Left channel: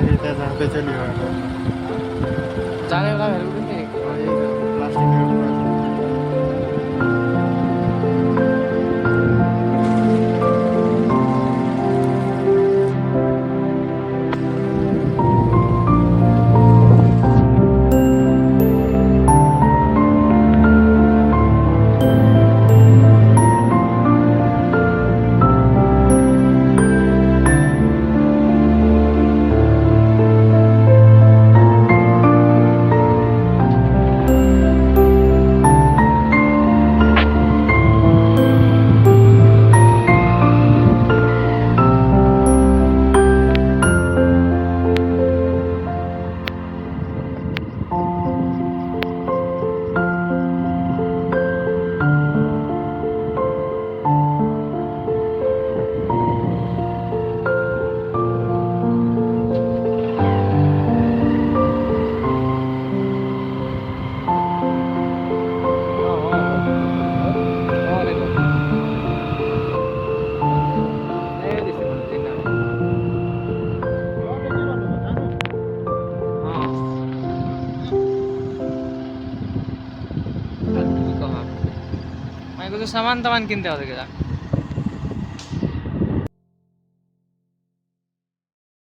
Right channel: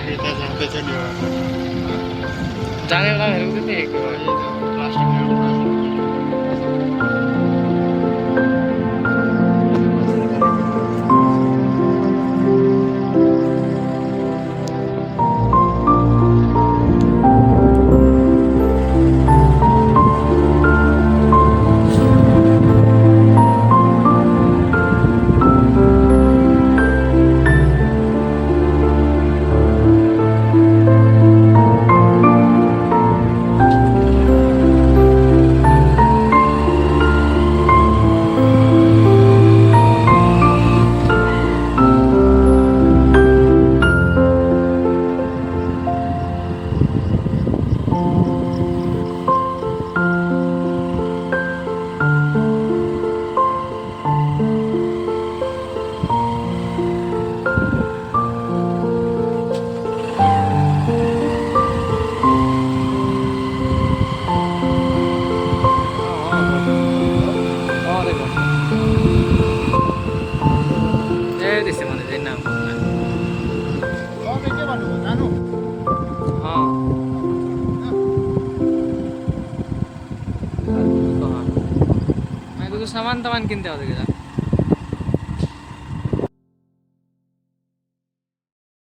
अभी तो जानते चली वाला जाने वाला मेरे को भी नहीं एक प्लास्टिक दिसे भने चाहिँ नाम मैले कुछ सामान तामान किनते होते क्या